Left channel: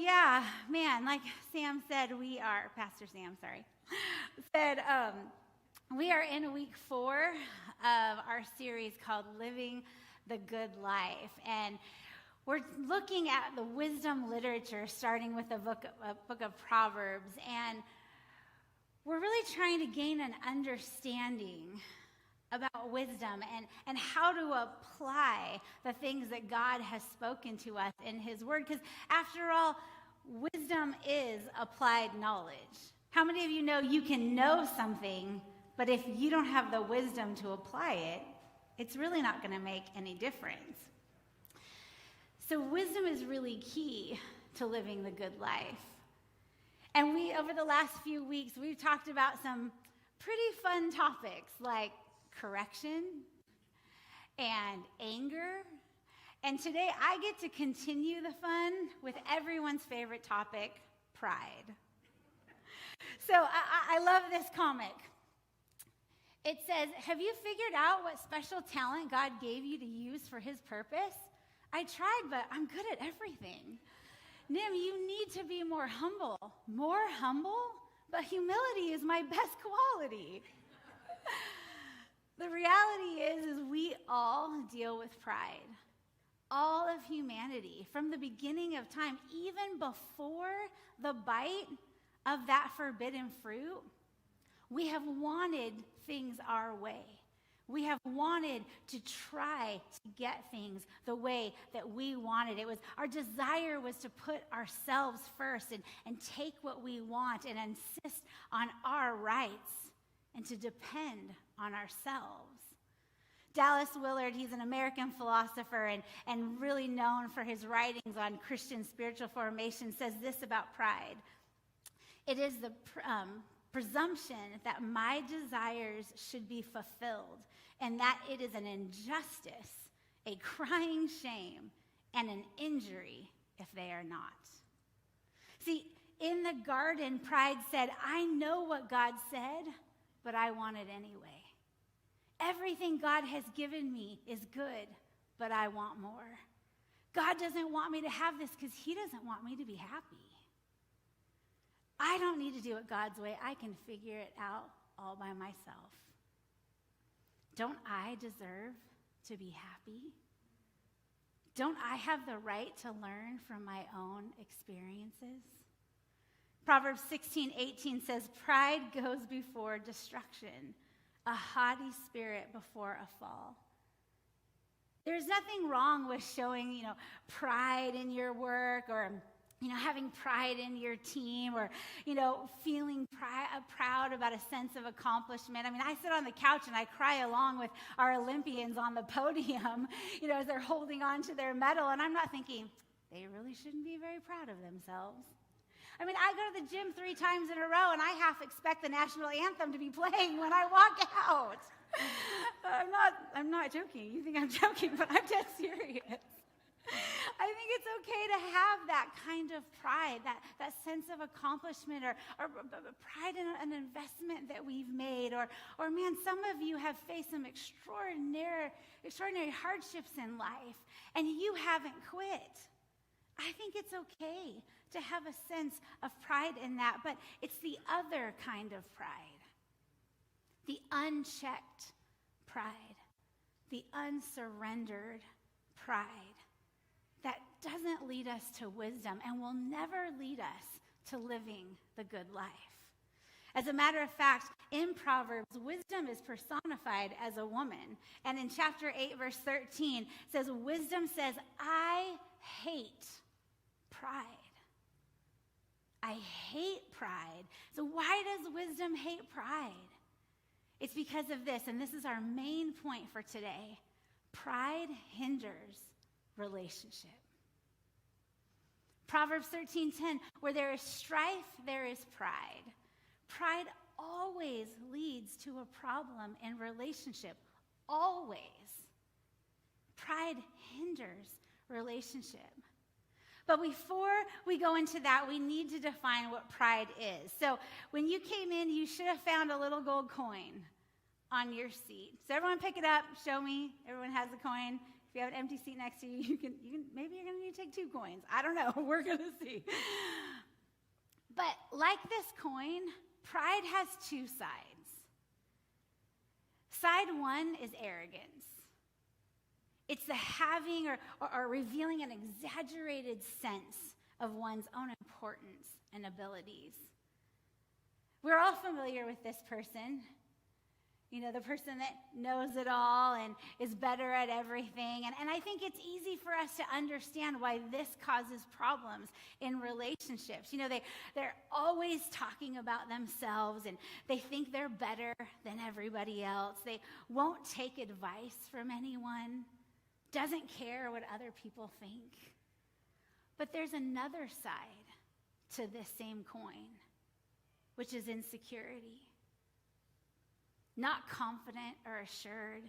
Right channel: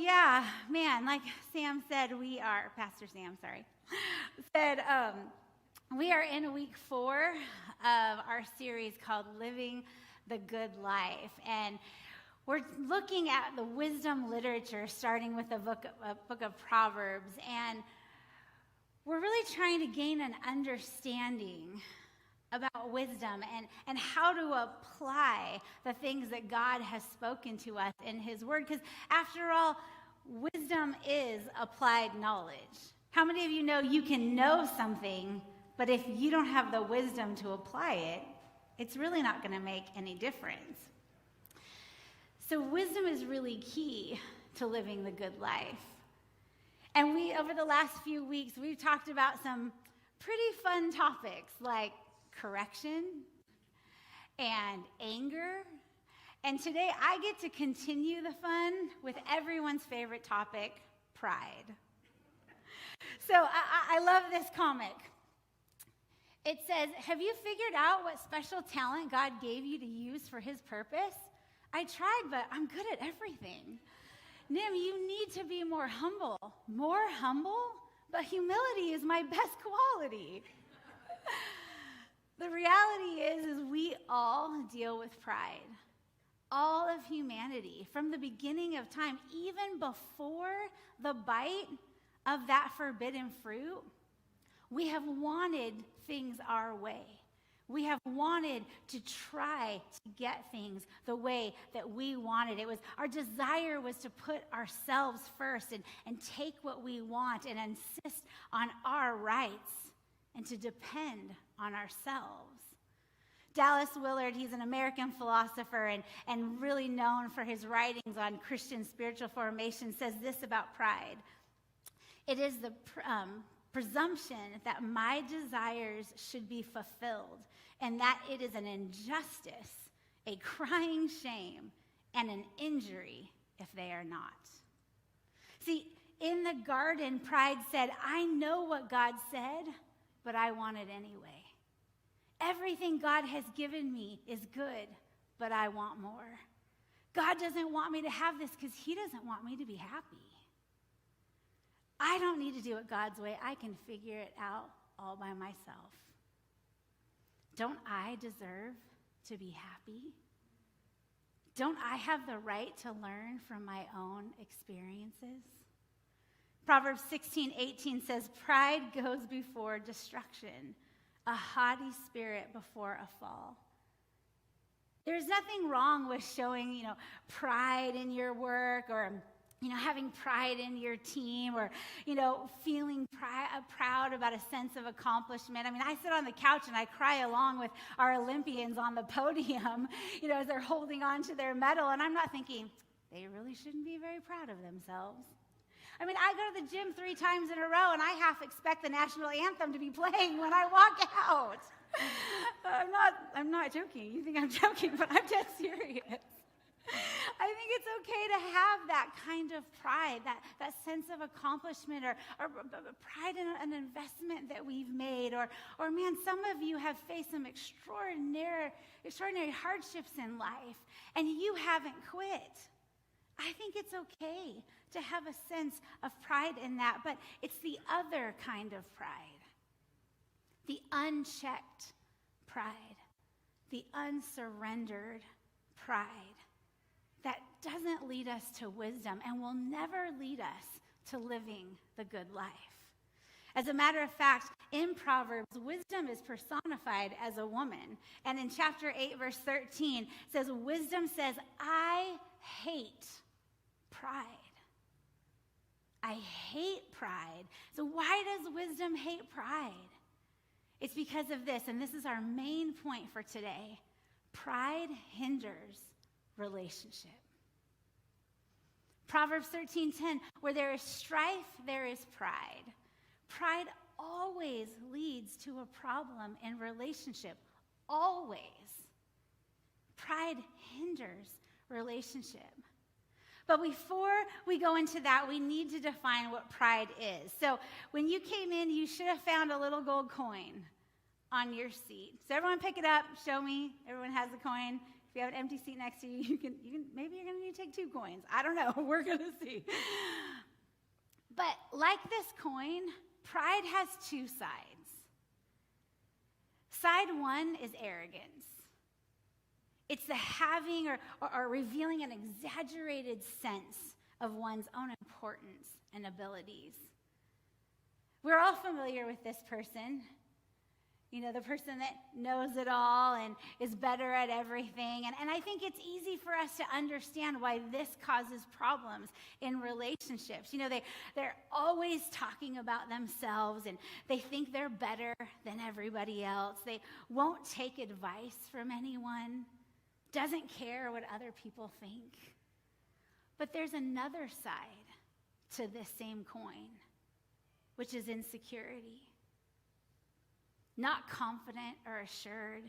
yeah, man, like Sam said, Pastor Sam, said, we are in week 4 of our series called Living the Good Life. And we're looking at the wisdom literature, starting with the book of Proverbs. And we're really trying to gain an understanding about wisdom and how to apply the things that God has spoken to us in his word. Because after all, wisdom is applied knowledge. How many of you know you can know something, but if you don't have the wisdom to apply it, it's really not going to make any difference. So wisdom is really key to living the good life. And over the last few weeks, we've talked about some pretty fun topics like correction and anger. And today I get to continue the fun with everyone's favorite topic, pride. So I love this comic. It says, have you figured out what special talent God gave you to use for his purpose? I tried, but I'm good at everything. Nim, you need to be more humble. More humble? But humility is my best quality. The reality is we all deal with pride. All of humanity, from the beginning of time, even before the bite of that forbidden fruit, we have wanted things our way. We have wanted to try to get things the way that we wanted. Our desire was to put ourselves first and take what we want and insist on our rights and to depend on ourselves. Dallas Willard, he's an American philosopher and really known for his writings on Christian spiritual formation, says this about pride. It is the presumption that my desires should be fulfilled and that it is an injustice, a crying shame, and an injury if they are not. See, in the garden, pride said, I know what God said, but I want it anyway. Everything God has given me is good, but I want more. God doesn't want me to have this because he doesn't want me to be happy. I don't need to do it God's way. I can figure it out all by myself. Don't I deserve to be happy? Don't I have the right to learn from my own experiences? Proverbs 16:18 says, pride goes before destruction, a haughty spirit before a fall. There's nothing wrong with showing, pride in your work or having pride in your team or, feeling proud about a sense of accomplishment. I mean, I sit on the couch and I cry along with our Olympians on the podium, as they're holding on to their medal. And I'm not thinking, they really shouldn't be very proud of themselves. I mean, I go to the gym 3 times in a row and I half expect the national anthem to be playing when I walk out. I'm not joking. You think I'm joking, but I'm dead serious. I think it's okay to have that kind of pride, that sense of accomplishment or pride in an investment that we've made. Or man, some of you have faced some extraordinary hardships in life and you haven't quit. I think it's okay to have a sense of pride in that, but it's the other kind of pride. The unchecked pride, the unsurrendered pride that doesn't lead us to wisdom and will never lead us to living the good life. As a matter of fact, in Proverbs, wisdom is personified as a woman. And in chapter 8, verse 13, it says, wisdom says, I hate pride. I hate pride. So why does wisdom hate pride? It's because of this, and this is our main point for today. Pride hinders relationship. Proverbs 13:10, where there is strife, there is pride. Pride always leads to a problem in relationship. Always. Pride hinders relationship. But before we go into that, we need to define what pride is. So when you came in, you should have found a little gold coin on your seat. So everyone pick it up, show me. Everyone has a coin. If you have an empty seat next to you, maybe you're going to need maybe take 2 coins. I don't know. We're going to see. But like this coin, pride has 2 sides. Side 1 is arrogance. It's the having or revealing an exaggerated sense of one's own importance and abilities. We're all familiar with this person. You know, the person that knows it all and is better at everything. And I think it's easy for us to understand why this causes problems in relationships. You know, they're always talking about themselves and they think they're better than everybody else. They won't take advice from anyone, doesn't care what other people think. But there's another side to this same coin, which is insecurity. Not confident or assured,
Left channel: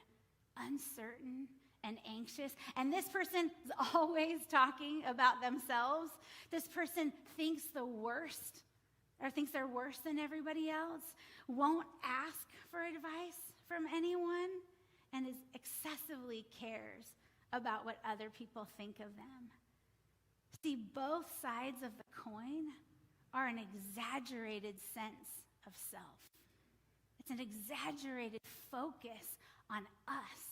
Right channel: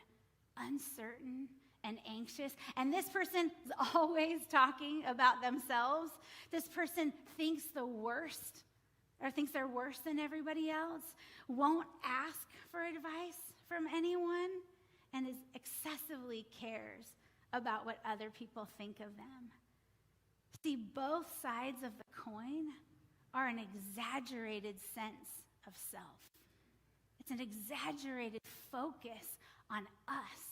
uncertain and anxious. And this person is always talking about themselves. This person thinks the worst or thinks they're worse than everybody else, won't ask for advice from anyone, and is excessively cares about what other people think of them. See, both sides of the coin are an exaggerated sense of self. It's an exaggerated focus on us,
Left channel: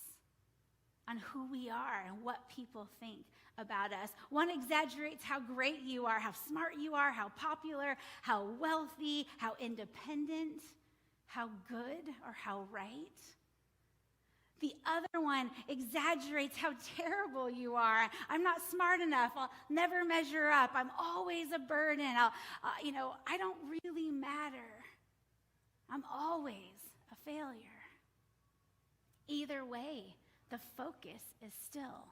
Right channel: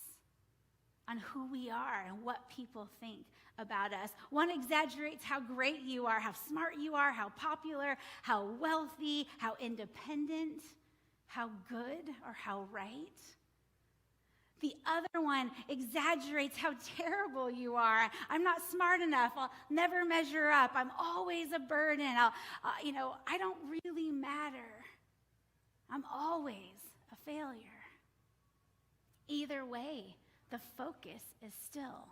on who we are and what people think about us. One exaggerates how great you are, how smart you are, how popular, how wealthy, how independent, how good or how right. The other one exaggerates how terrible you are. I'm not smart enough. I'll never measure up. I'm always a burden. I don't really matter. I'm always a failure. Either way, the focus is still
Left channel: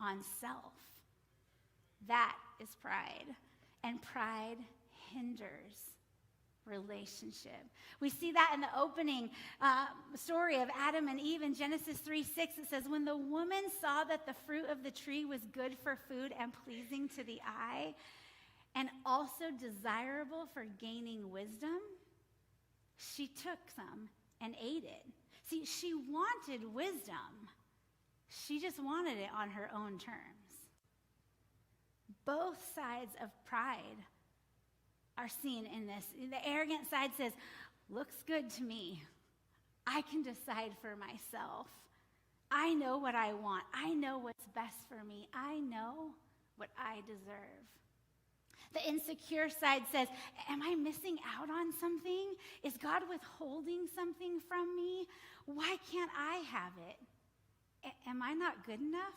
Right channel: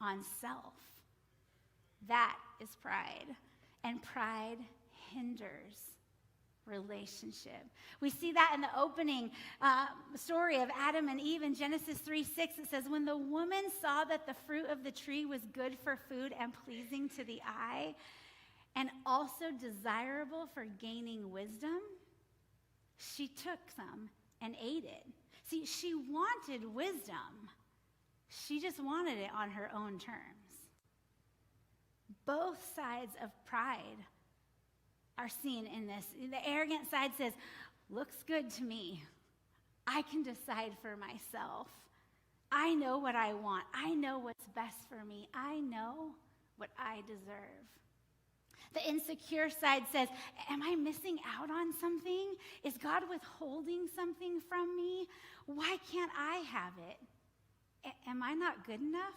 on self. That is pride. And pride hinders relationship. We see that in the opening story of Adam and Eve in Genesis 3:6. It says, when the woman saw that the fruit of the tree was good for food and pleasing to the eye, and also desirable for gaining wisdom, she took some and ate it. See, she wanted wisdom. She just wanted it on her own terms. Both sides of pride are seen in this. The arrogant side says, looks good to me. I can decide for myself. I know what I want. I know what's best for me. I know what I deserve. The insecure side says, am I missing out on something? Is God withholding something from me? Why can't I have it? Am I not good enough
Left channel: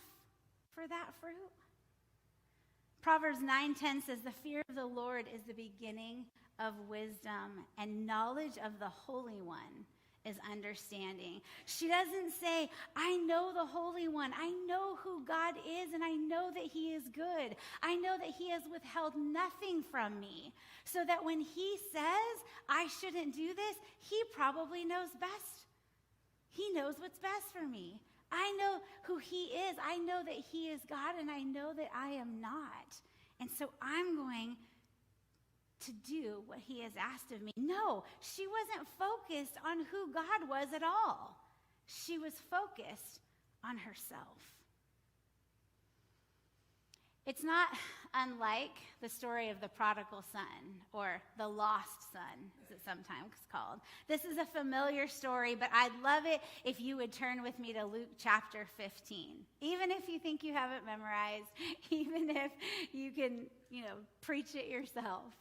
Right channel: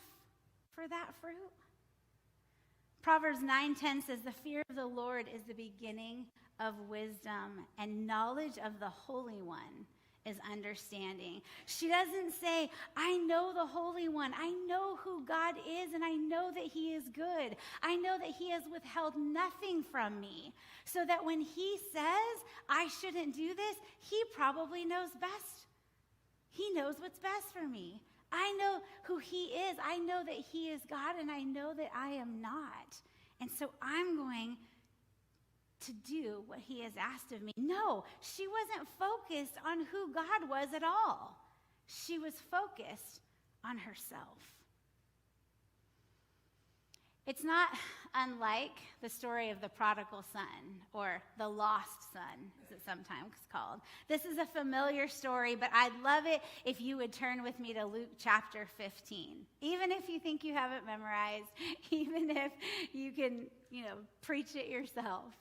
for that fruit? Proverbs 9:10 says, the fear of the Lord is the beginning of wisdom, and knowledge of the Holy One is understanding. She doesn't say, I know the Holy One. I know who God is, and I know that he is good. I know that he has withheld nothing from me, so that when he says I shouldn't do this, he probably knows best. He knows what's best for me. I know who he is. I know that he is God, and I know that I am not. And so I'm going to do what he has asked of me. No, she wasn't focused on who God was at all. She was focused on herself. It's not unlike the story of the prodigal son, or the lost son, as it's sometimes called. This is a familiar story, but I'd love it if you would turn with me to Luke chapter 15. Even if you think you have it memorized, even if you can, preach it yourself.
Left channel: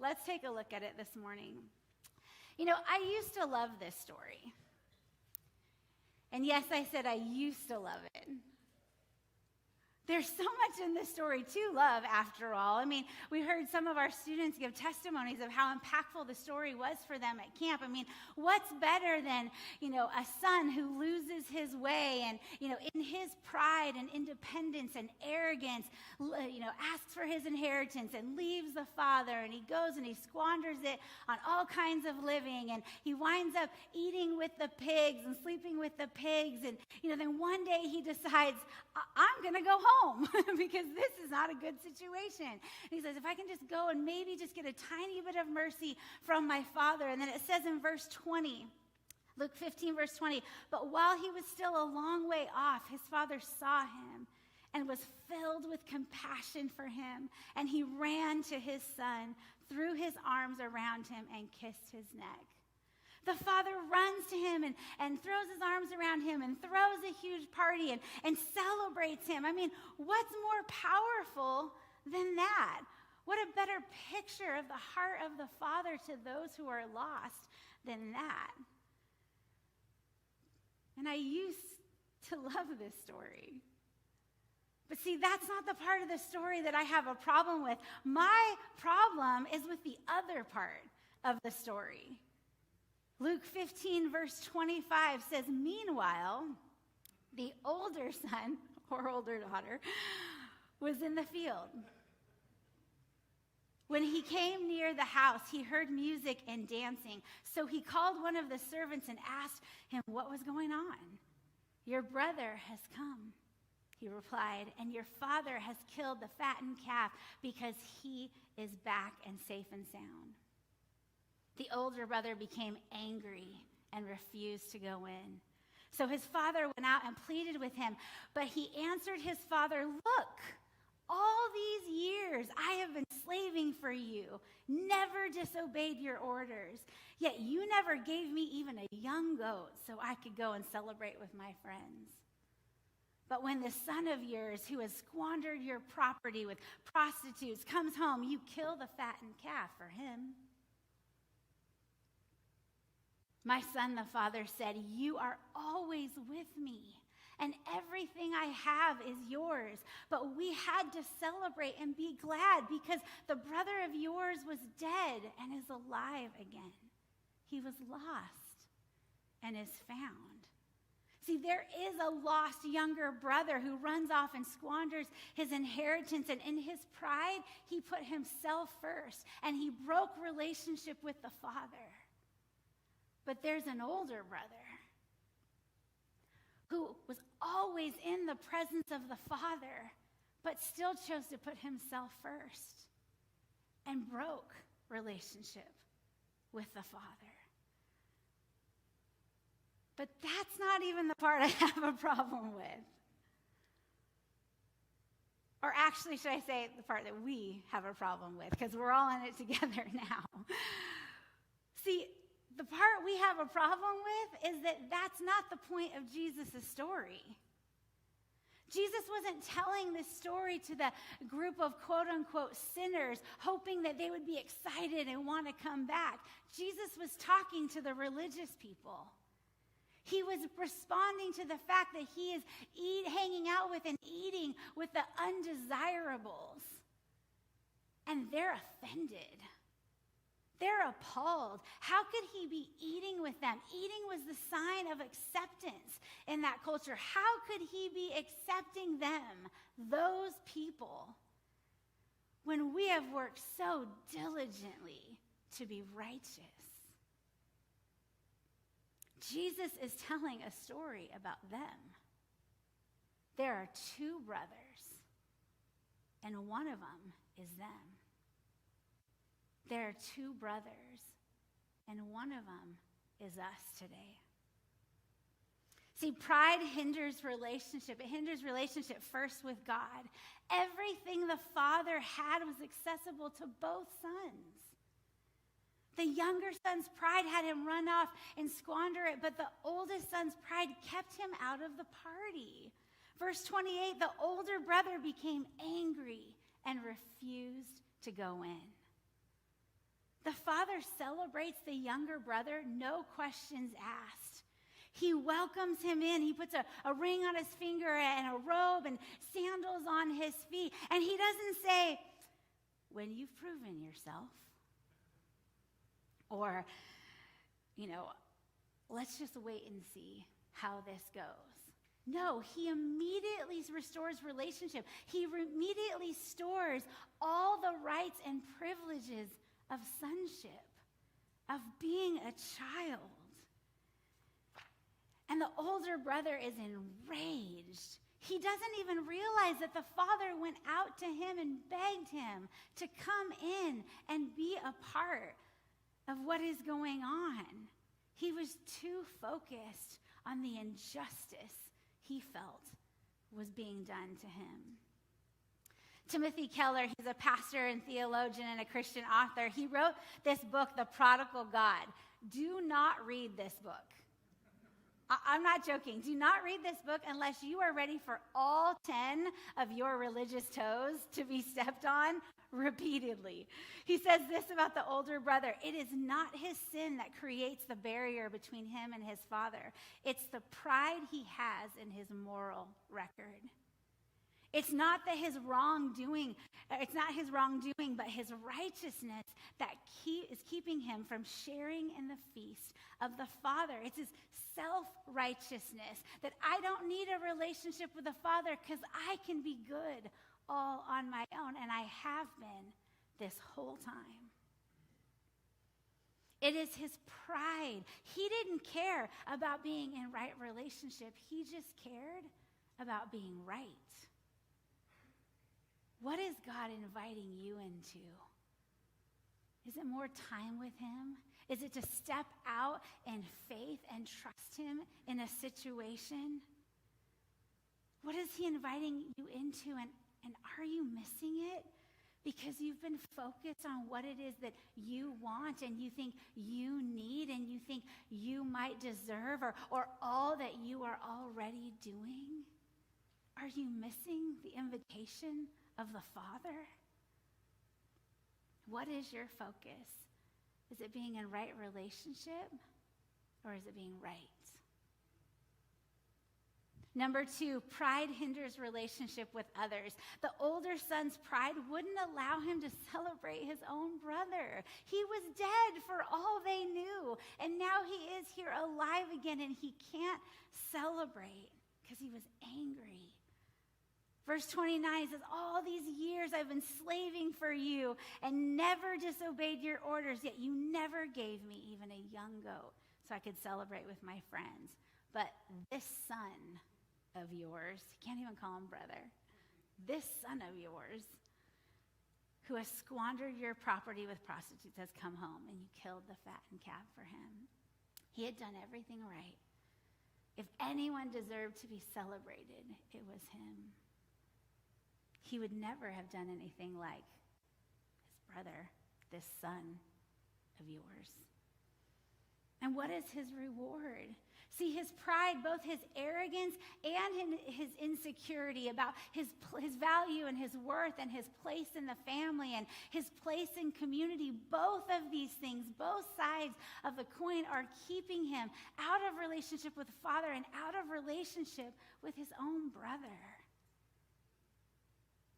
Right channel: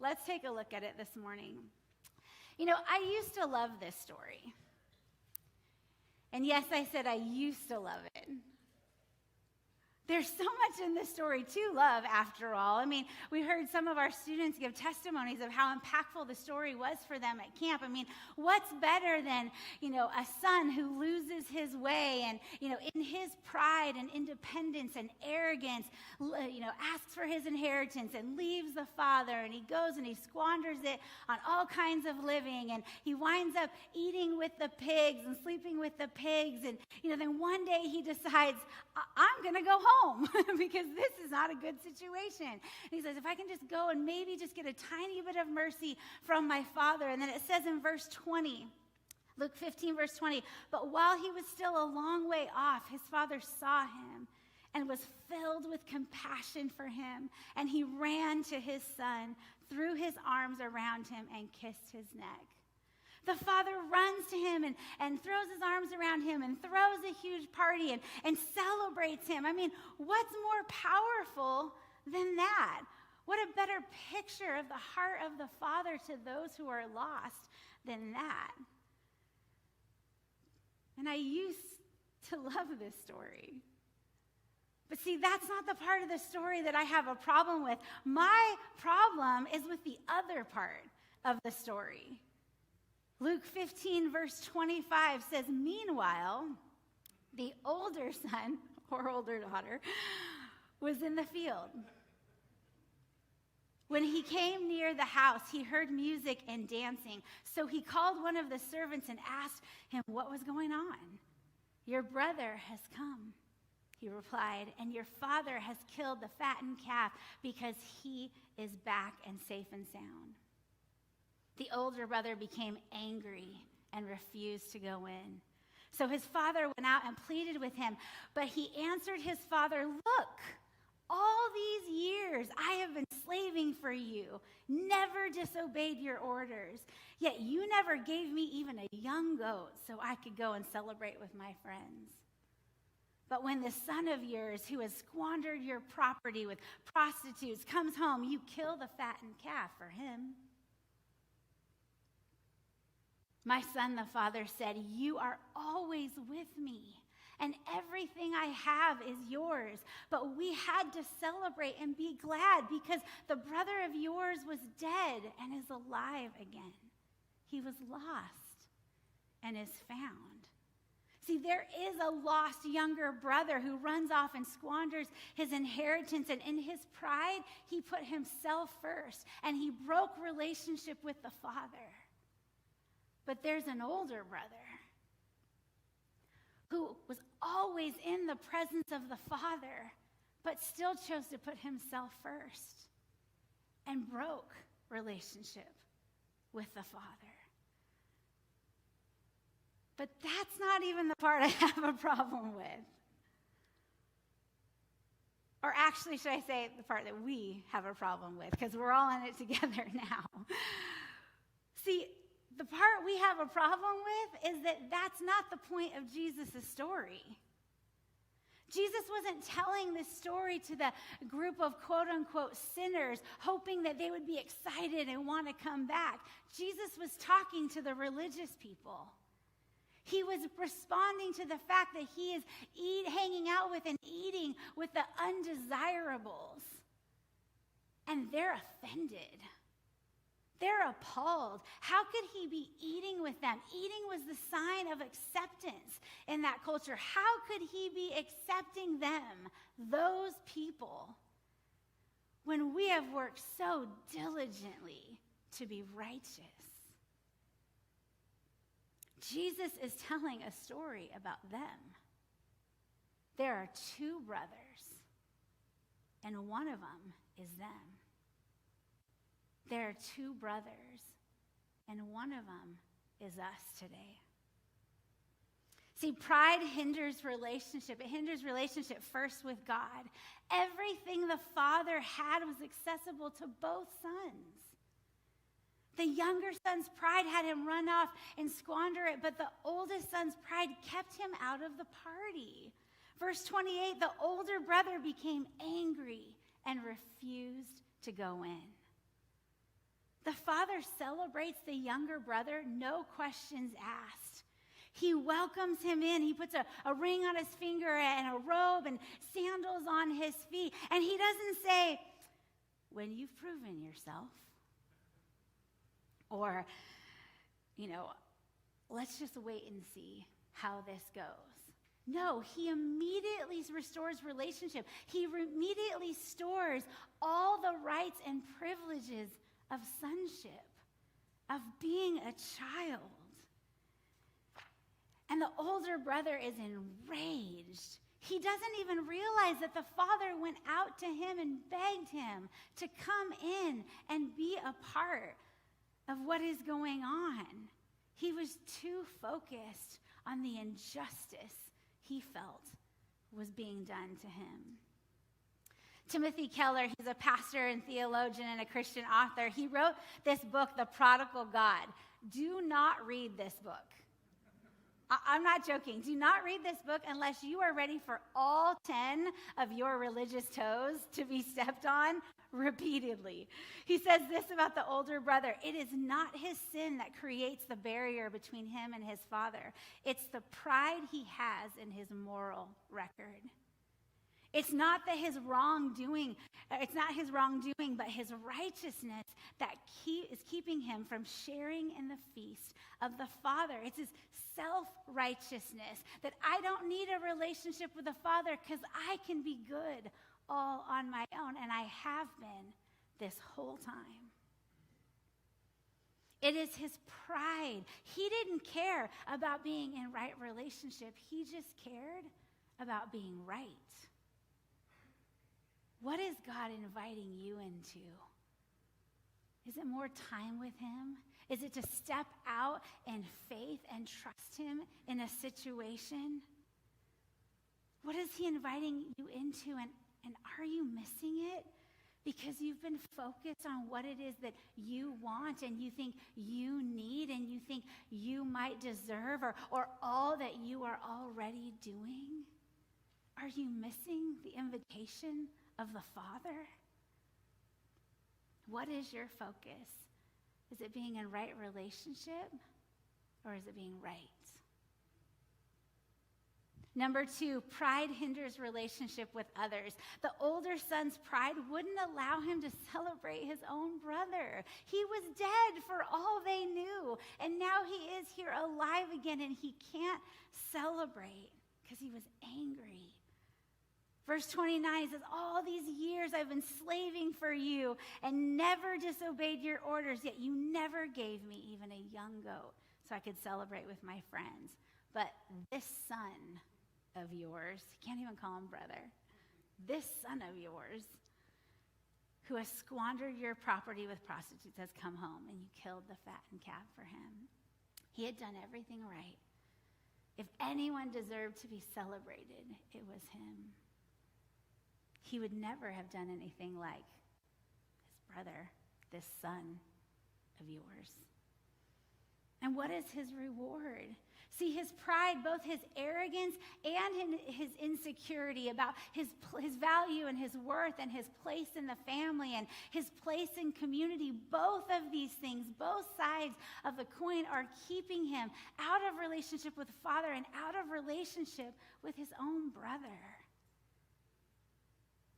Let's take a look at it this morning. I used to love this story. And yes, I said I used to love it. There's so much in this story to love, after all. I mean, we heard some of our students give testimonies of how impactful the story was for them at camp. I mean, what's better than, a son who loses his way and, in his pride and independence and arrogance, asks for his inheritance and leaves the father, and he goes and he squanders it on all kinds of living, and he winds up eating with the pigs and sleeping with the pigs, and, then one day he decides, I'm going to go home because this is not a good situation. And he says, if I can just go and maybe just get a tiny bit of mercy from my father. And then it says in verse 20, Luke 15, verse 20, but while he was still a long way off, his father saw him and was filled with compassion for him. And he ran to his son, threw his arms around him, and kissed his neck. The father runs to him and throws his arms around him and throws a huge party and celebrates him. I mean, what's more powerful than that? What a better picture of the heart of the Father to those who are lost than that. And I used to love this story. But see, that's not the part of the story that I have a problem with. My problem is with the other part of the story. Luke 15, verse 25 says, "Meanwhile, the older son or older daughter was in the field. When he came near the house, he heard music and dancing. So he called one of the servants and asked him what was going on. 'Your brother has come,' he replied, 'and your father has killed the fattened calf because he is back and safe and sound.' The older brother became angry and refused to go in. So his father went out and pleaded with him, but he answered his father, 'Look, all these years I have been slaving for you, never disobeyed your orders, yet you never gave me even a young goat so I could go and celebrate with my friends. But when the son of yours who has squandered your property with prostitutes comes home, you kill the fattened calf for him.' 'My son,' the father said, 'you are always with me, and everything I have is yours. But we had to celebrate and be glad because the brother of yours was dead and is alive again. He was lost and is found.' See, there is a lost younger brother who runs off and squanders his inheritance, and in his pride, he put himself first, and he broke relationship with the father. But there's an older brother who was always in the presence of the Father, but still chose to put himself first and broke relationship with the Father. But that's not even the part I have a problem with. Or actually, should I say the part that we have a problem with, because we're all in it together now. See, the part we have a problem with is that that's not the point of Jesus' story. Jesus wasn't telling this story to the group of quote-unquote sinners, hoping that they would be excited and want to come back. Jesus was talking to the religious people. He was responding to the fact that he is hanging out with and eating with the undesirables. And they're offended. They're appalled. How could he be eating with them? Eating was the sign of acceptance in that culture. How could he be accepting them, those people, when we have worked so diligently to be righteous? Jesus is telling a story about them. There are two brothers, and one of them is them. There are two brothers, and one of them is us today. See, pride hinders relationship. It hinders relationship first with God. Everything the Father had was accessible to both sons. The younger son's pride had him run off and squander it, but the oldest son's pride kept him out of the party. Verse 28, the older brother became angry and refused to go in. The father celebrates the younger brother, no questions asked. He welcomes him in. He puts a ring on his finger and a robe and sandals on his feet. And he doesn't say, "When you've proven yourself," or, "let's just wait and see how this goes." No, he immediately restores relationship. He immediately stores all the rights and privileges of sonship, of being a child. And the older brother is enraged. He doesn't even realize that the father went out to him and begged him to come in and be a part of what is going on. He was too focused on the injustice he felt was being done to him. Timothy Keller, he's a pastor and theologian and a Christian author. He wrote this book, The Prodigal God. Do not read this book. I'm not joking. Do not read this book unless you are ready for all 10 of your religious toes to be stepped on repeatedly. He says this about the older brother: it is not his sin that creates the barrier between him and his father. It's the pride he has in his moral record. It's not that his wrongdoing, but his righteousness that is keeping him from sharing in the feast of the Father. It's his self-righteousness that I don't need a relationship with the Father because I can be good all on my own, and I have been this whole time. It is his pride. He didn't care about being in right relationship. He just cared about being right. What is God inviting you into? Is it more time with him? Is it to step out in faith and trust him in a situation? What is he inviting you into, and are you missing it? Because you've been focused on what it is that you want and you think you need and you think you might deserve, or all that you are already doing? Are you missing the invitation of the Father? What is your focus? Is it being in right relationship, or is it being right? Number 2, pride hinders relationship with others. The older son's pride wouldn't allow him to celebrate his own brother. He was dead for all they knew, and now he is here alive again, and he can't celebrate because he was angry. Verse 29 says, all these years I've been slaving for you and never disobeyed your orders, yet you never gave me even a young goat so I could celebrate with my friends. But this son of yours, he can't even call him brother, this son of yours, who has squandered your property with prostitutes, has come home, and you killed the fattened calf for him. He had done everything right. If anyone deserved to be celebrated, it was him. He would never have done anything like his brother, this son of yours. And what is his reward? See, his pride, both his arrogance and his insecurity about his value and his worth and his place in the family and his place in community, both of these things, both sides of the coin, are keeping him out of relationship with the Father and out of relationship with his own brother.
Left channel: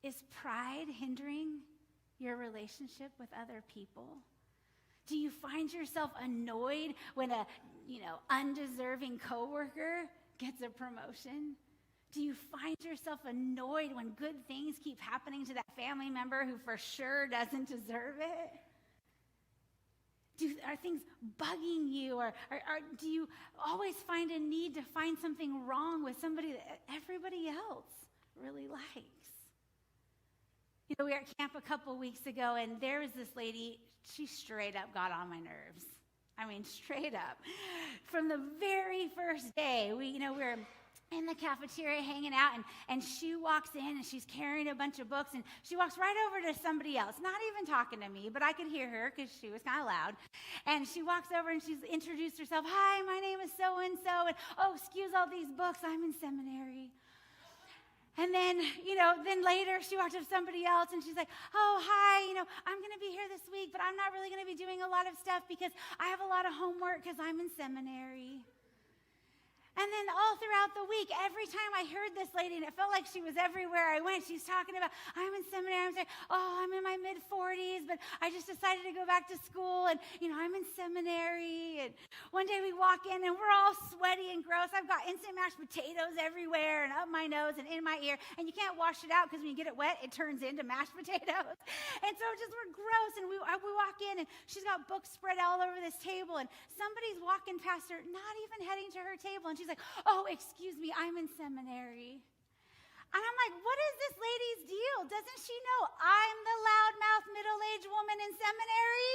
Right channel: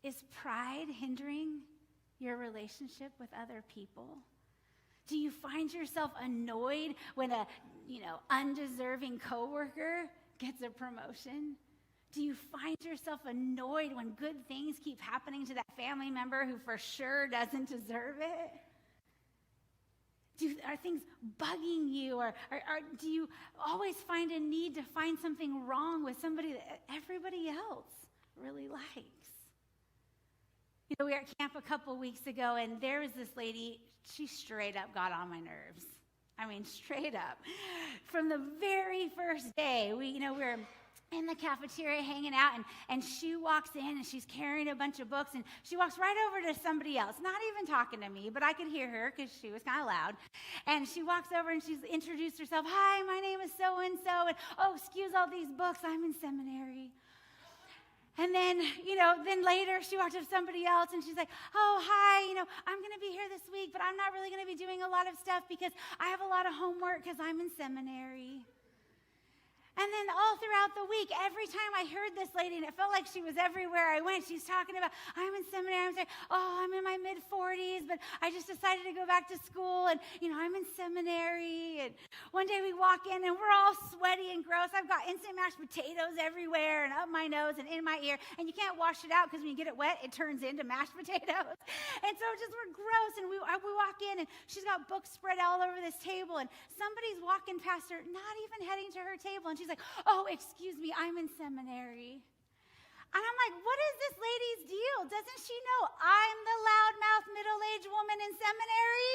Is pride hindering your relationship with other people? Do you find yourself annoyed when a, undeserving coworker gets a promotion? Do you find yourself annoyed when good things keep happening to that family member who for sure doesn't deserve it? Are things bugging you, or do you always find a need to find something wrong with somebody that everybody else really likes? We were at camp a couple weeks ago, and there was this lady. She straight up got on my nerves. I mean, straight up. From the very first day, we were in the cafeteria hanging out, and she walks in, and she's carrying a bunch of books, and she walks right over to somebody else, not even talking to me, but I could hear her because she was kind of loud. And she walks over, and she's introduced herself. Hi, my name is so-and-so, and excuse all these books. I'm in seminary. And then, then later she walked up to somebody else and she's like, oh, hi, I'm going to be here this week, but I'm not really going to be doing a lot of stuff because I have a lot of homework because I'm in seminary. And then all throughout the week, every time I heard this lady, and it felt like she was everywhere I went, she's talking about, I'm in seminary. I'm saying, I'm in my mid-40s, but I just decided to go back to school, and, I'm in seminary. And one day we walk in, and we're all sweaty and gross. I've got instant mashed potatoes everywhere and up my nose and in my ear, and you can't wash it out because when you get it wet, it turns into mashed potatoes. And so we're gross, and we walk in, and she's got books spread all over this table, and somebody's walking past her, not even heading to her table, and she's like, oh, excuse me, I'm in seminary. And I'm like, what is this lady's deal? Doesn't she know I'm the loudmouth middle-aged woman in seminary?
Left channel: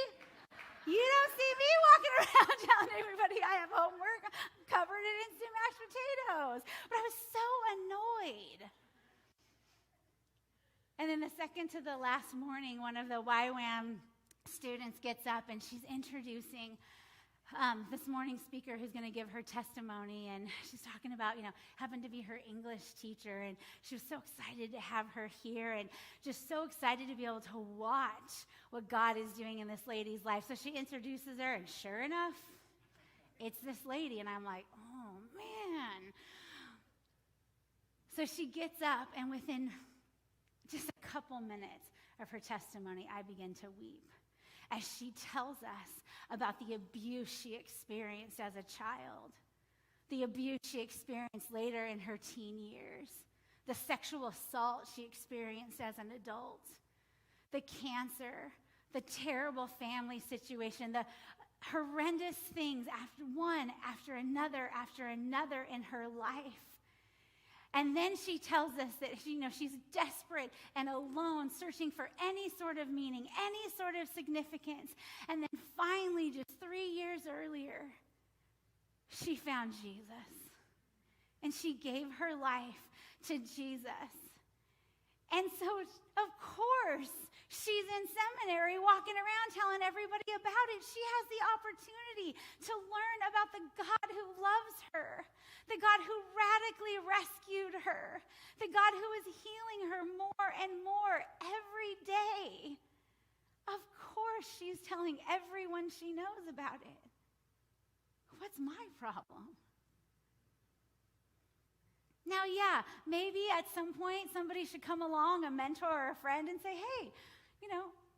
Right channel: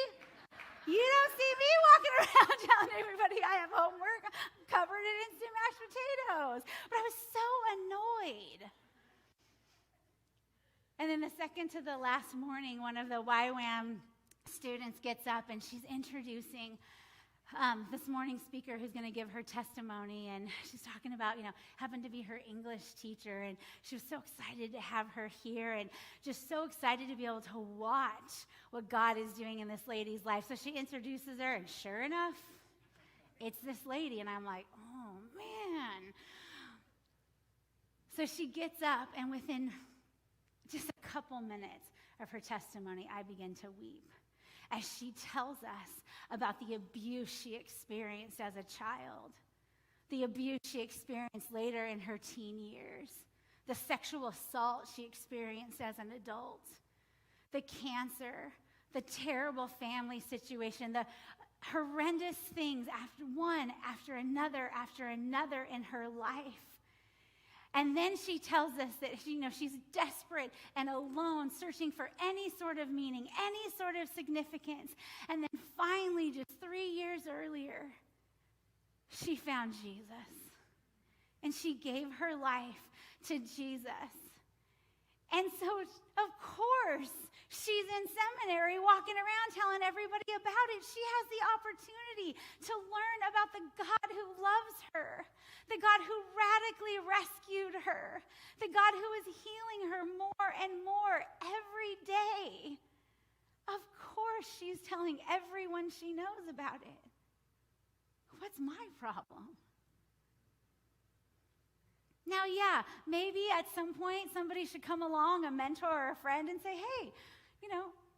You don't see me walking around telling everybody I have homework covered in instant mashed potatoes. But I was so annoyed. And then the second to the last morning, one of the YWAM students gets up and she's introducing this morning speaker who's going to give her testimony, and she's talking about, happened to be her English teacher, and she was so excited to have her here and just so excited to be able to watch what God is doing in this lady's life. So she introduces her, and sure enough, it's this lady, and I'm like, oh, man. So she gets up, and within just a couple minutes of her testimony, I begin to weep as she tells us about the abuse she experienced as a child, the abuse she experienced later in her teen years, the sexual assault she experienced as an adult, the cancer, the terrible family situation, the horrendous things after another in her life. And then she tells us that she's desperate and alone, searching for any sort of meaning, any sort of significance. And then finally, just 3 years earlier, she found Jesus. And she gave her life to Jesus. And so, of course, she's in seminary walking around telling everybody about it. She has the opportunity to learn about the God who loves her, the God who radically rescued her, the God who is healing her more and more every day. Of course, she's telling everyone she knows about it. What's my problem? Now, yeah, maybe at some point somebody should come along, a mentor or a friend, and say, hey,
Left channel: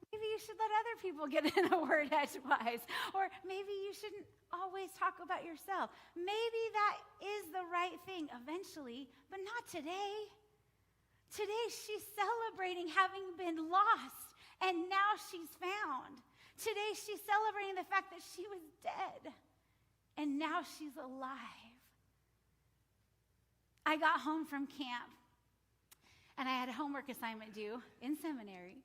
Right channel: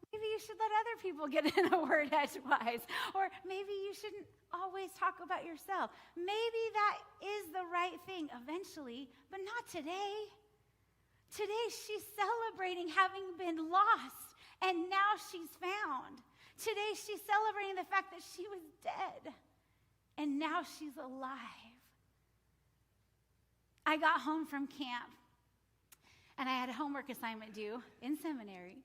maybe you should let other people get in a word edgewise. Or maybe you shouldn't always talk about yourself. Maybe that is the right thing eventually, but not today. Today she's celebrating having been lost, and now she's found. Today she's celebrating the fact that she was dead, and now she's alive. I got home from camp, and I had a homework assignment due in seminary.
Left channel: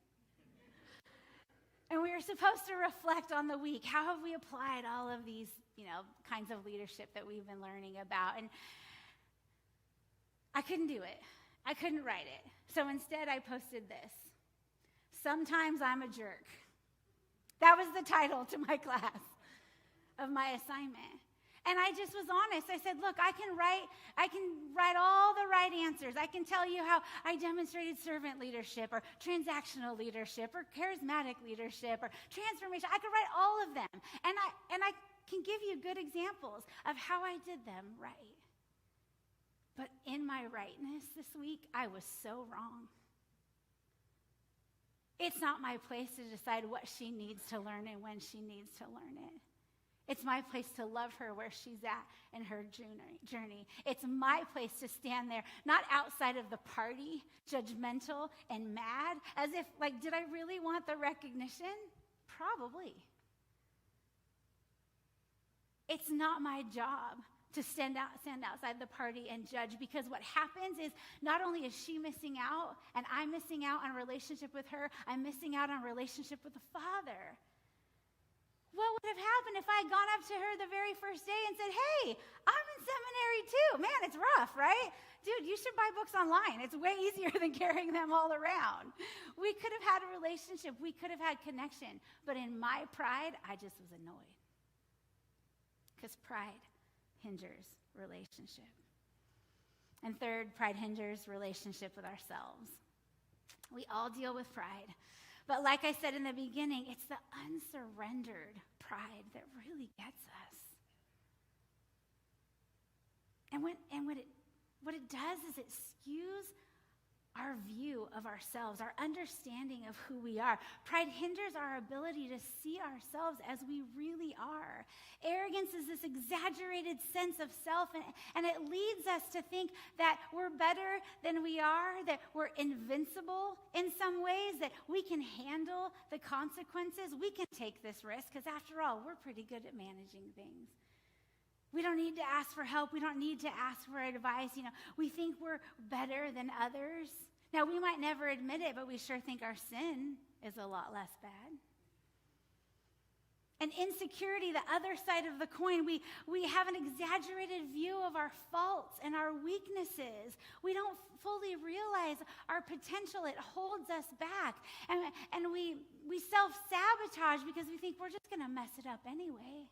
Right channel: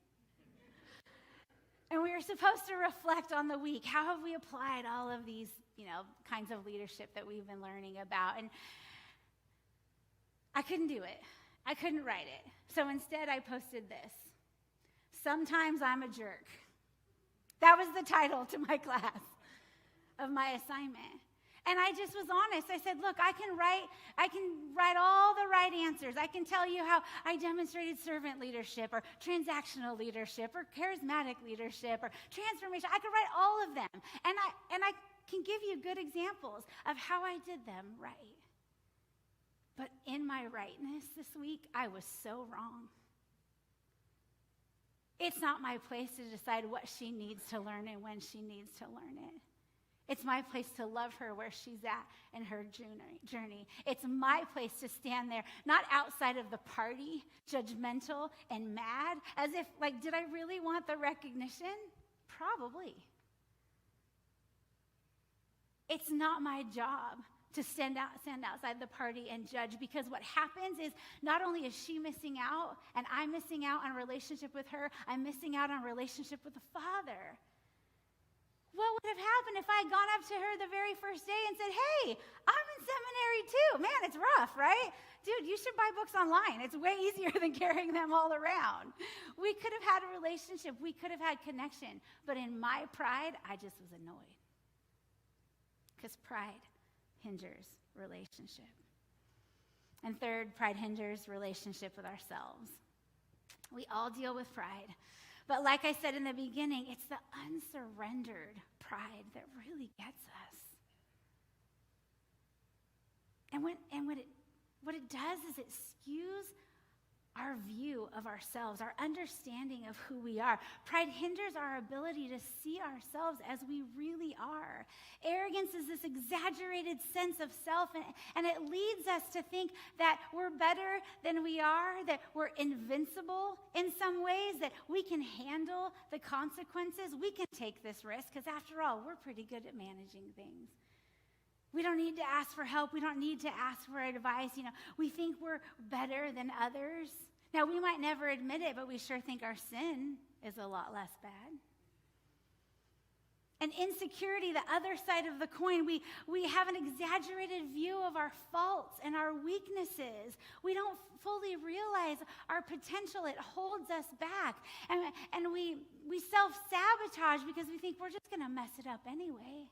And we were supposed to reflect on the week. How have we applied all of these, kinds of leadership that we've been learning about? And I couldn't do it. I couldn't write it. So instead, I posted this. Sometimes I'm a jerk. That was the title to my class of my assignment. And I just was honest. I said, look, I can write all the right answers. I can tell you how I demonstrated servant leadership or transactional leadership or charismatic leadership or transformation. I could write all of them. And I can give you good examples of how I did them right. But in my rightness this week, I was so wrong. It's not my place to decide what she needs to learn and when she needs to learn it. It's my place to love her where she's at in her journey. It's my place to stand there, not outside of the party, judgmental and mad, as if, did I really want the recognition? Probably. It's not my job to stand outside the party and judge, because what happens is not only is she missing out and I'm missing out on a relationship with her, I'm missing out on a relationship with the Father. What would have happened if I had gone up to her the very first day and said, hey, I'm in seminary too. Man, it's rough, right? Dude, you should buy books online. It's way easier than carrying them all around. We could have had a relationship. We could have had connection. But in my pride, I just was annoyed. Because pride hinders relationship. And third, pride hinders relationship with ourselves. We all deal with pride. But like I said in the beginning, it's the unsurrendered pride that really gets us. And what it does is it skews our view of ourselves, our understanding of who we are. Pride hinders our ability to see ourselves as we really are. Arrogance is this exaggerated sense of self, and it leads us to think that we're better than we are, that we're invincible in some ways, that we can handle the consequences. We can take this risk because, after all, we're pretty good at managing things. We don't need to ask for help. We don't need to ask for advice. We think we're better than others. Now, we might never admit it, but we sure think our sin is a lot less bad. And insecurity, the other side of the coin, we have an exaggerated view of our faults and our weaknesses. We don't fully realize our potential. It holds us back. And we self-sabotage because we think we're just going to mess it up anyway.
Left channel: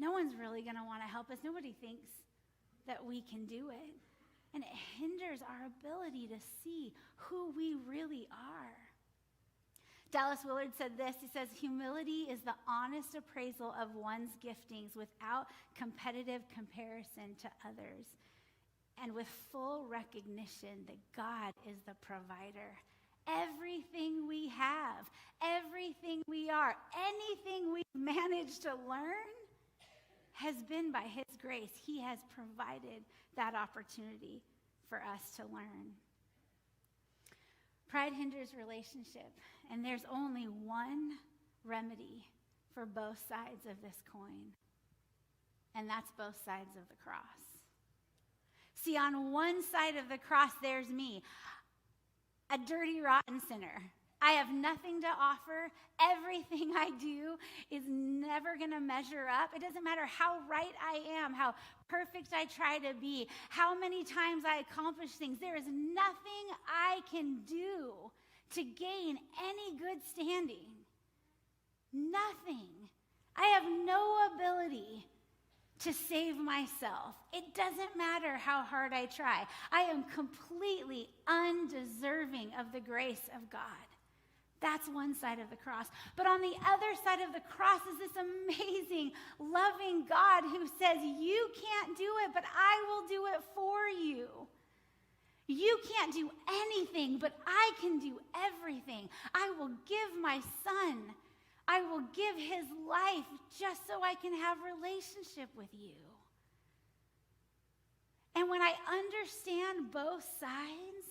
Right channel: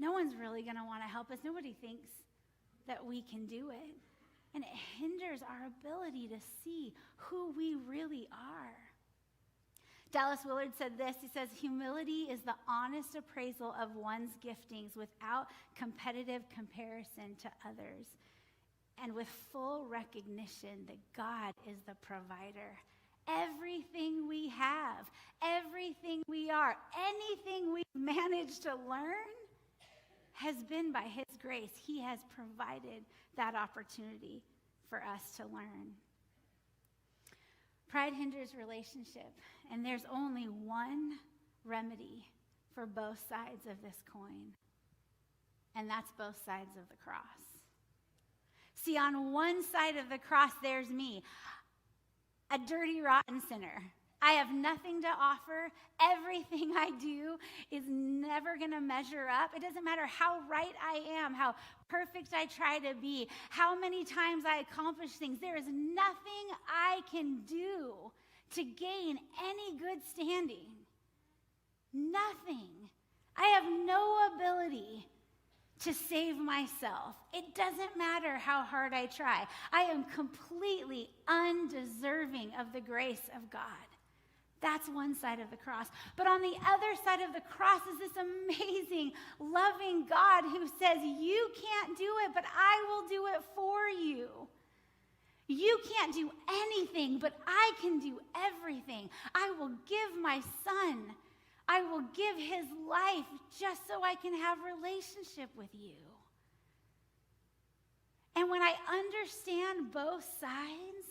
No one's really going to want to help us. Nobody thinks that we can do it. And it hinders our ability to see who we really are. Dallas Willard said this. He says, humility is the honest appraisal of one's giftings without competitive comparison to others and with full recognition that God is the provider. Everything we have, everything we are, anything we've managed to learn has been by his grace. He has provided that opportunity for us to learn. Pride hinders relationship, and there's only one remedy for both sides of this coin, and that's both sides of the cross. See, on one side of the cross, there's me, a dirty, rotten sinner. I have nothing to offer. Everything I do is never going to measure up. It doesn't matter how right I am, how perfect I try to be, how many times I accomplish things. There is nothing I can do to gain any good standing. Nothing. I have no ability to save myself. It doesn't matter how hard I try. I am completely undeserving of the grace of God. That's one side of the cross. But on the other side of the cross is this amazing, loving God who says, you can't do it, but I will do it for you. You can't do anything, but I can do everything. I will give my son. I will give his life just so I can have relationship with you. And when I understand both sides,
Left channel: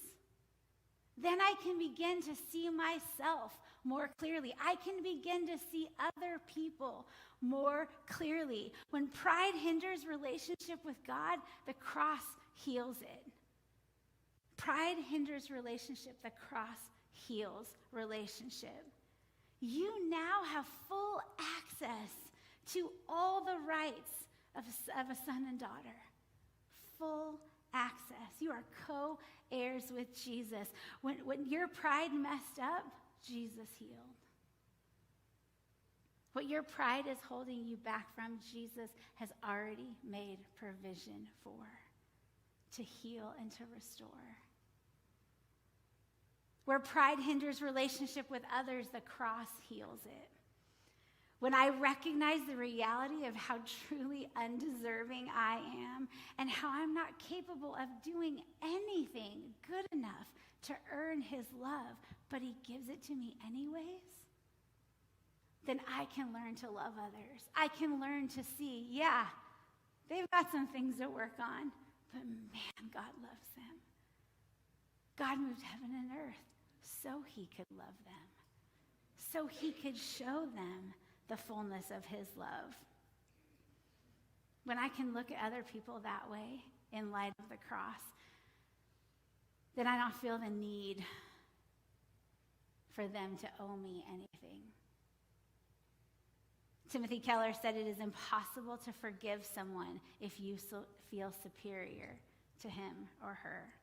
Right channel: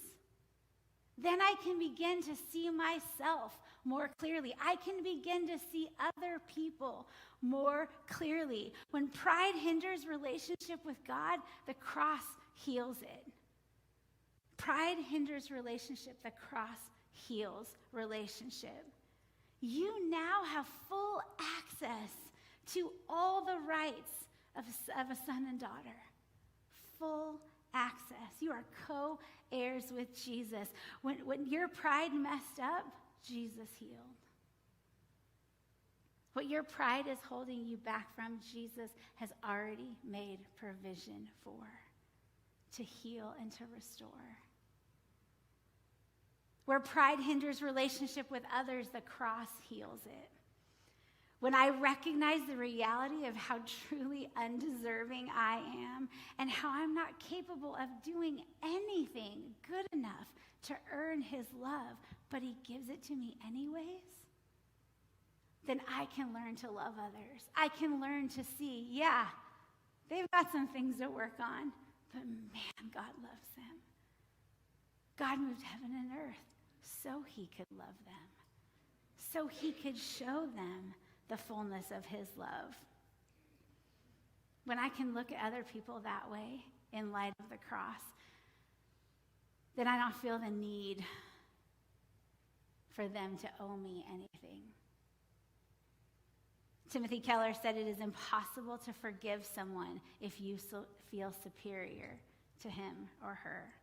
then I can begin to see myself more clearly. I can begin to see other people more clearly. When pride hinders relationship with God, the cross heals it. Pride hinders relationship, the cross heals relationship. You now have full access to all the rights of a son and daughter. Full access. You are co-heirs with Jesus. When your pride messed up, Jesus healed. What your pride is holding you back from, Jesus has already made provision for, to heal and to restore. Where pride hinders relationship with others, the cross heals it. When I recognize the reality of how truly undeserving I am and how I'm not capable of doing anything good enough to earn his love, but he gives it to me anyways, then I can learn to love others. I can learn to see, yeah, they've got some things to work on, but man, God loves them. God moved heaven and earth so he could love them, so he could show them the fullness of his love. When I can look at other people that way in light of the cross, then I don't feel the need for them to owe me anything. Timothy Keller said it is impossible to forgive someone if you feel superior to him or her.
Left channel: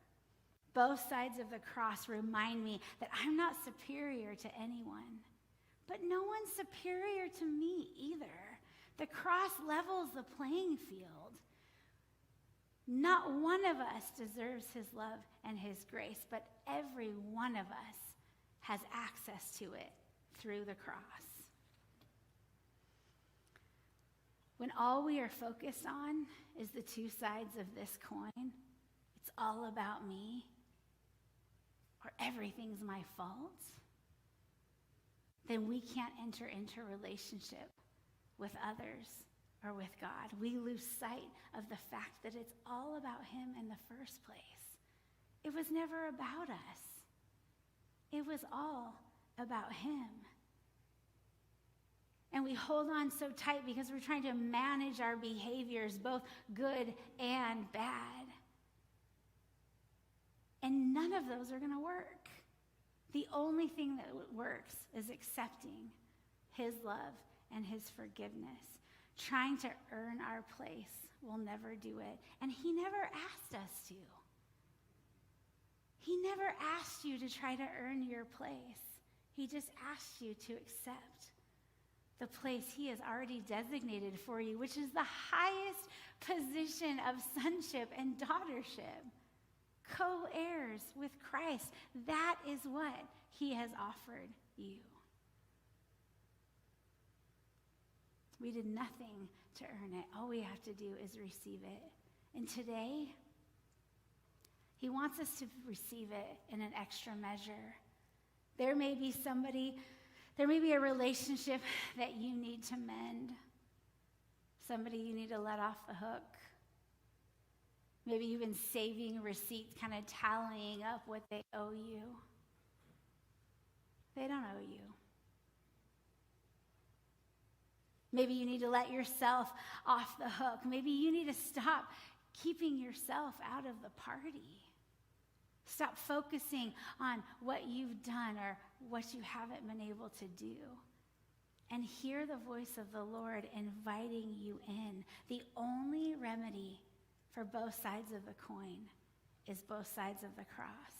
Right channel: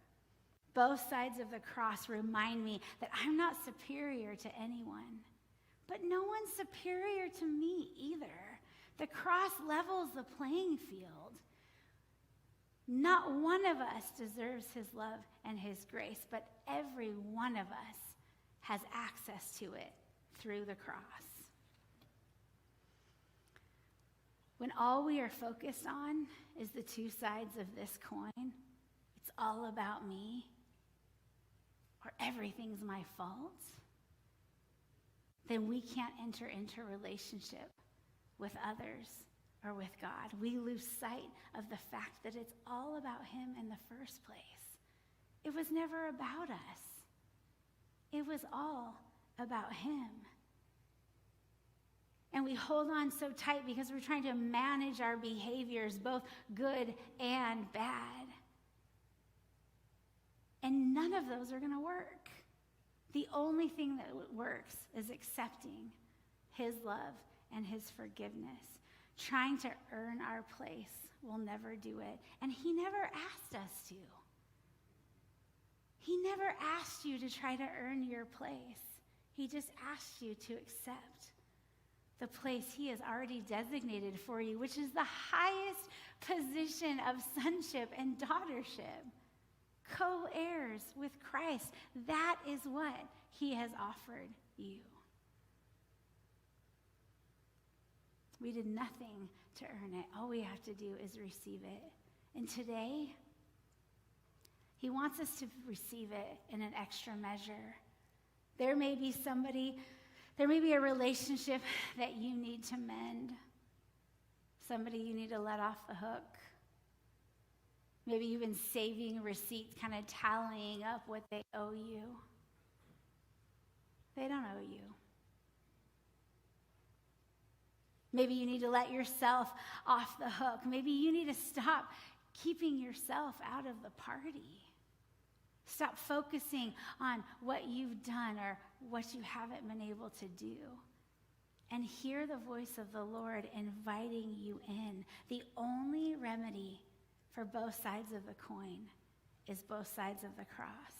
Both sides of the cross remind me that I'm not superior to anyone. But no one's superior to me either. The cross levels the playing field. Not one of us deserves his love and his grace, but every one of us has access to it through the cross. When all we are focused on is the two sides of this coin, it's all about me, or everything's my fault, then we can't enter into relationship with others or with God. We lose sight of the fact that it's all about him in the first place. It was never about us. It was all about him. And we hold on so tight because we're trying to manage our behaviors, both good and bad. And none of those are going to work. The only thing that works is accepting his love and his forgiveness. Trying to earn our place will never do it. And he never asked us to. He never asked you to try to earn your place. He just asked you to accept the place he has already designated for you, which is the highest position of sonship and daughtership. Co-heirs with Christ. That is what he has offered you. We did nothing to earn it. All we have to do is receive it. And today, he wants us to receive it in an extra measure. There may be a relationship that you need to mend. Somebody you need to let off the hook. Maybe you've been saving receipts, kind of tallying up what they owe you. They don't owe you. Maybe you need to let yourself off the hook. Maybe you need to stop keeping yourself out of the party. Stop focusing on what you've done or what you haven't been able to do. And hear the voice of the Lord inviting you in. The only remedy for both sides of the coin is both sides of the cross.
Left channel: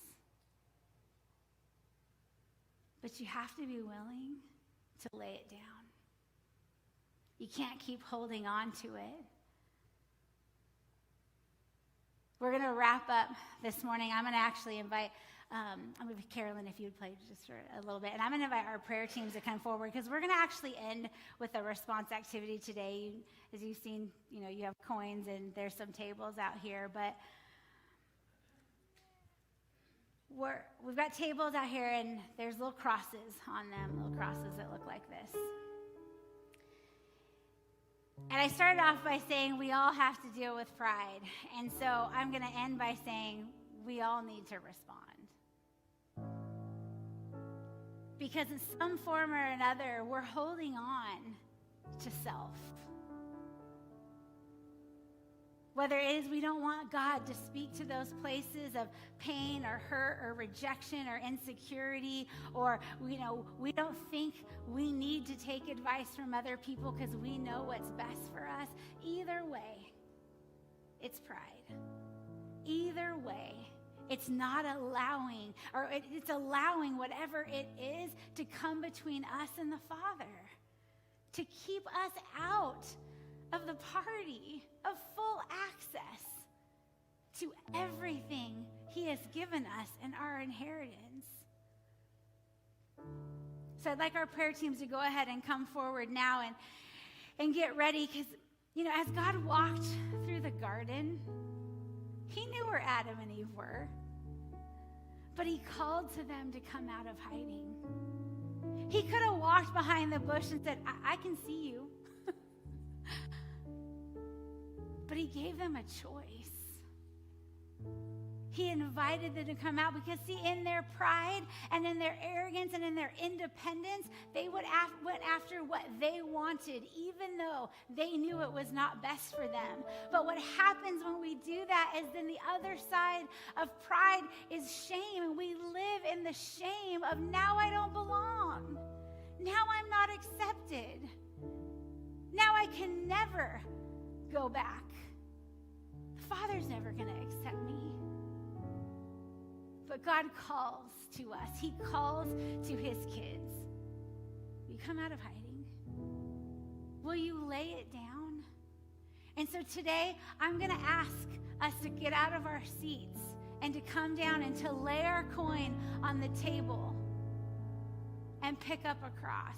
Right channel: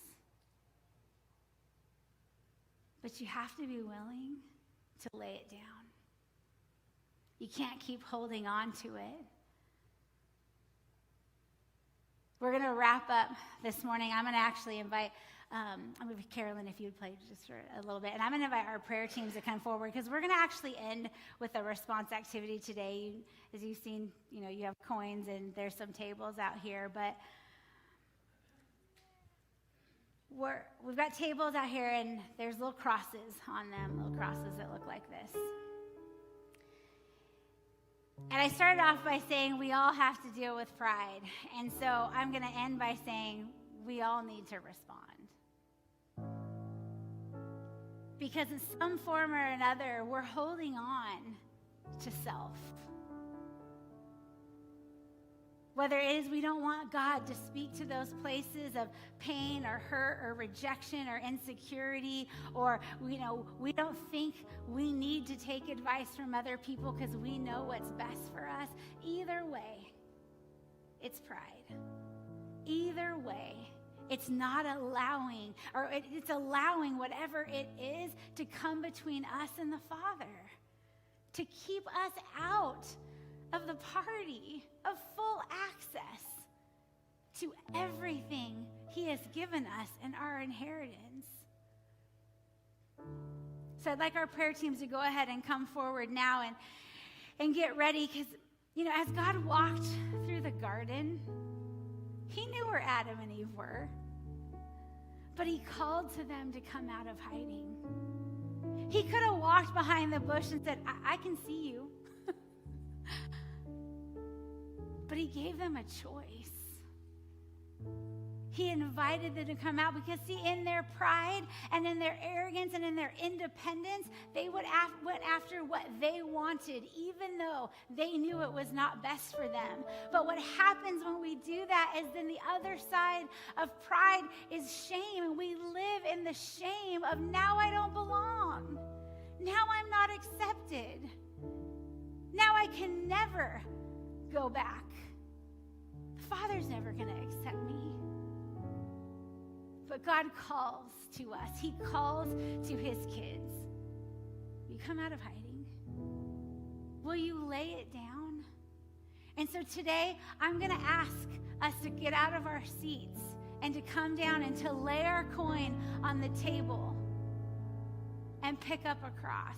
But you have to be willing to lay it down. You can't keep holding on to it. We're going to wrap up this morning. I'm going to actually invite, Carolyn, if you would play just for a little bit. And I'm going to invite our prayer teams to come forward because we're going to actually end with a response activity today. As you've seen, you have coins and there's some tables out here. But we've got tables out here and there's little crosses on them, little crosses that look like this. And I started off by saying we all have to deal with pride. And so I'm going to end by saying we all need to respond. Because in some form or another, we're holding on to self. Whether it is we don't want God to speak to those places of pain or hurt or rejection or insecurity, or we don't think we need to take advice from other people because we know what's best for us. Either way, it's pride. Either way, it's not allowing, or it's allowing whatever it is to come between us and the Father, to keep us out of the party of full access to everything he has given us in our inheritance. So I'd like our prayer teams to go ahead and come forward now and get ready, because, as God walked through the garden, he knew where Adam and Eve were, but he called to them to come out of hiding. He could have walked behind the bush and said, I can see you. But he gave them a choice. He invited them to come out because, see, in their pride and in their arrogance and in their independence, they went after what they wanted, even though they knew it was not best for them. But what happens when we do that is then the other side of pride is shame, and we live in the shame of now I don't belong. Now I'm not accepted. Now I can never go back. Father's never going to accept me. But God calls to us. He calls to his kids. You come out of hiding. Will you lay it down? And so today, I'm going to ask us to get out of our seats and to come down and to lay our coin on the table and pick up a cross.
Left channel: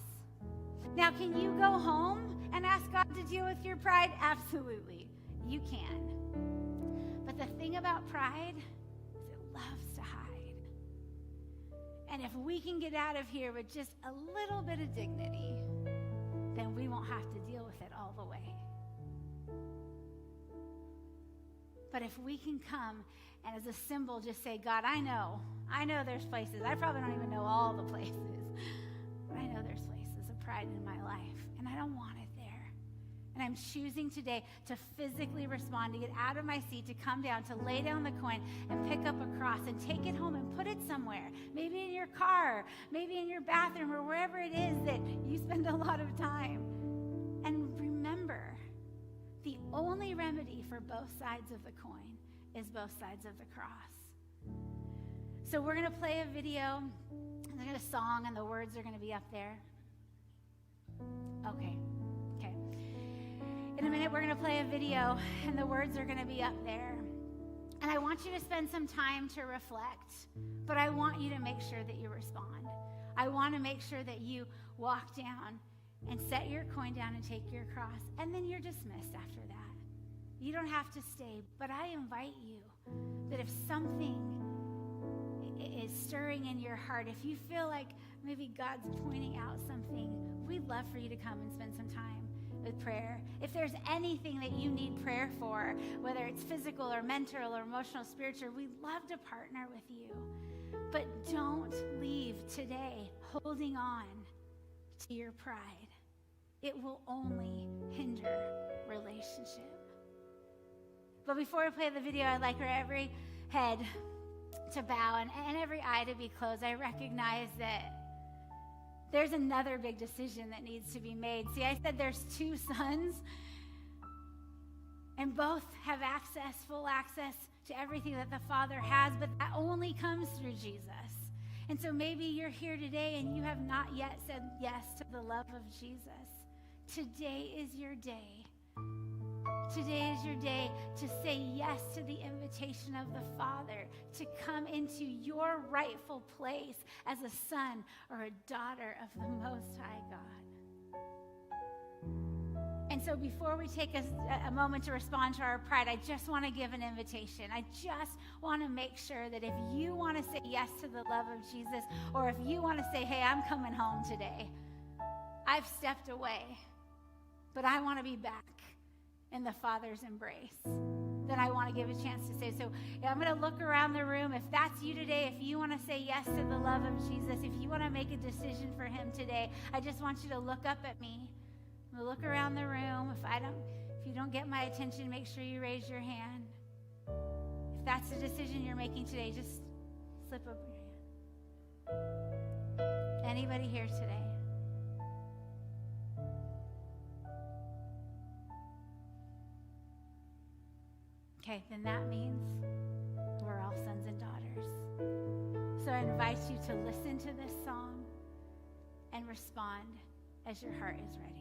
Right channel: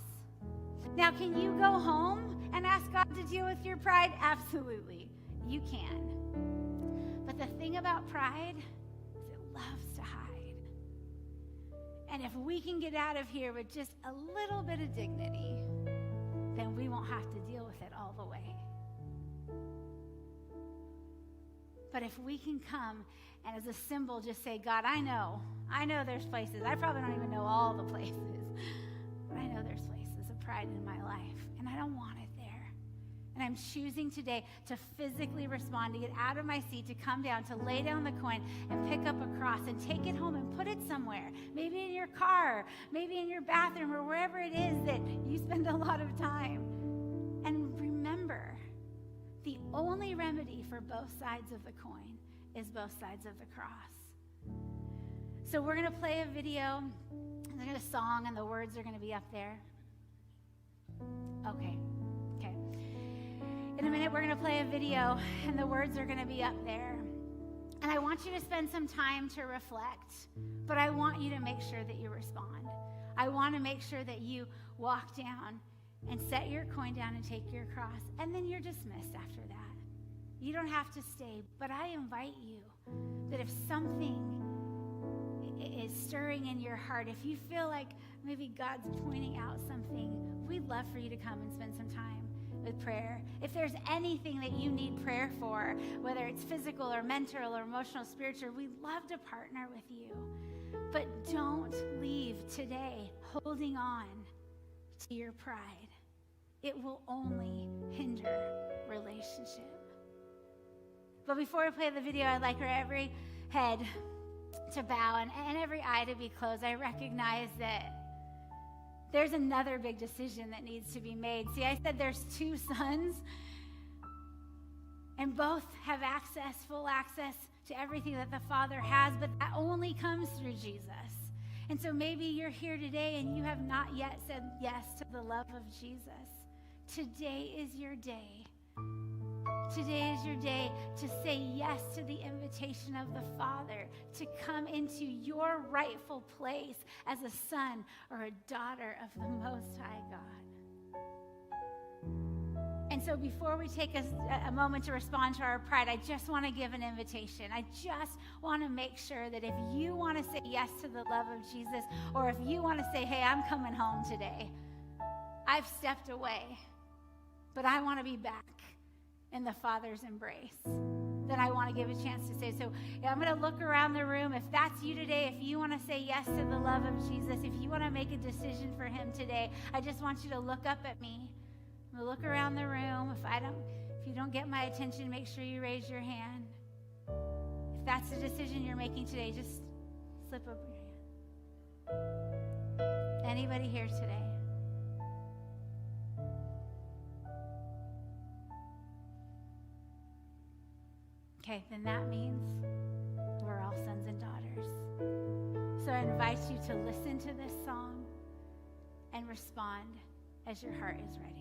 Now, can you go home and ask God to deal with your pride? Absolutely. You can. But the thing about pride is it loves to hide. And if we can get out of here with just a little bit of dignity, then we won't have to deal with it all the way. But if we can come and as a symbol just say, God, I know there's places. I probably don't even know all the places. But I know there's places of pride in my life, and I don't want it there. And I'm choosing today to physically respond, to get out of my seat, to come down, to lay down the coin and pick up a cross and take it home and put it somewhere. Maybe in your car, maybe in your bathroom, or wherever it is that you spend a lot lot of time. And remember, the only remedy for both sides of the coin is both sides of the cross. So we're going to play a video, and then a song, and the words are going to be up there. Okay. In a minute, we're going to play a video, and the words are going to be up there. And I want you to spend some time to reflect, but I want you to make sure that you respond. I want to make sure that you walk down and set your coin down and take your cross, and then you're dismissed after that. You don't have to stay, but I invite you that if something is stirring in your heart, if you feel like maybe God's pointing out something, we'd love for you to come and spend some time with prayer. If there's anything that you need prayer for, whether it's physical or mental or emotional, spiritual, we'd love to partner with you. But don't leave today holding on to your pride. It will only hinder relationship. But before we play the video, I'd like for every head to bow and every eye to be closed. I recognize that there's another big decision that needs to be made. See, I said there's two sons, and both have full access to everything that the Father has, but that only comes through Jesus. And so maybe you're here today and you have not yet said yes to the love of Jesus. Today is your day. Today is your day to say yes to the invitation of the Father to come into your rightful place as a son or a daughter of the Most High God. And so before we take a moment to respond to our pride, I just want to give an invitation. I just want to make sure that if you want to say yes to the love of Jesus, or if you want to say, hey, I'm coming home today, I've stepped away, but I want to be back in the Father's embrace, then I want to give a chance to say. So I'm going to look around the room. If that's you today, if you want to say yes to the love of Jesus, if you want to make a decision for him today, I just want you to look up at me. I'm going to look around the room. If you don't get my attention, make sure you raise your hand. If that's the decision you're making today, just slip up your hand. Anybody here today? Okay, then that means we're all sons and daughters. So I invite you to listen to this song and respond as your heart is ready.